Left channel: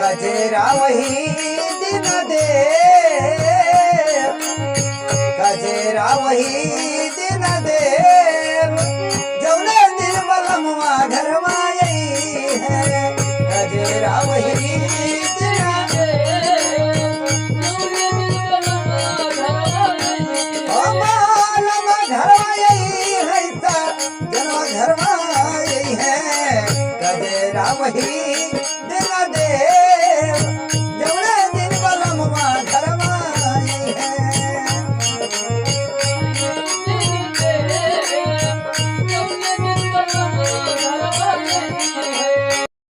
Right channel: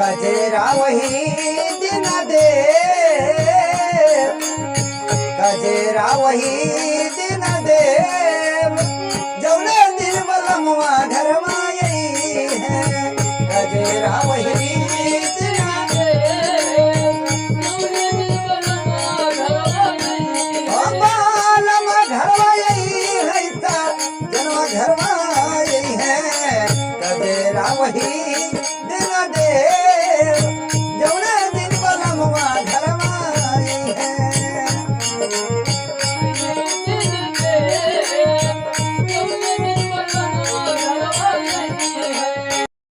कजेरा वही दिन दे, कजेरा वही दिन देव, जौने दिन बलमुआ घर माई है। कजेरा वही दिन ओ बालमा घर माई है, जनवा घर माई है। कजेरा वही दिन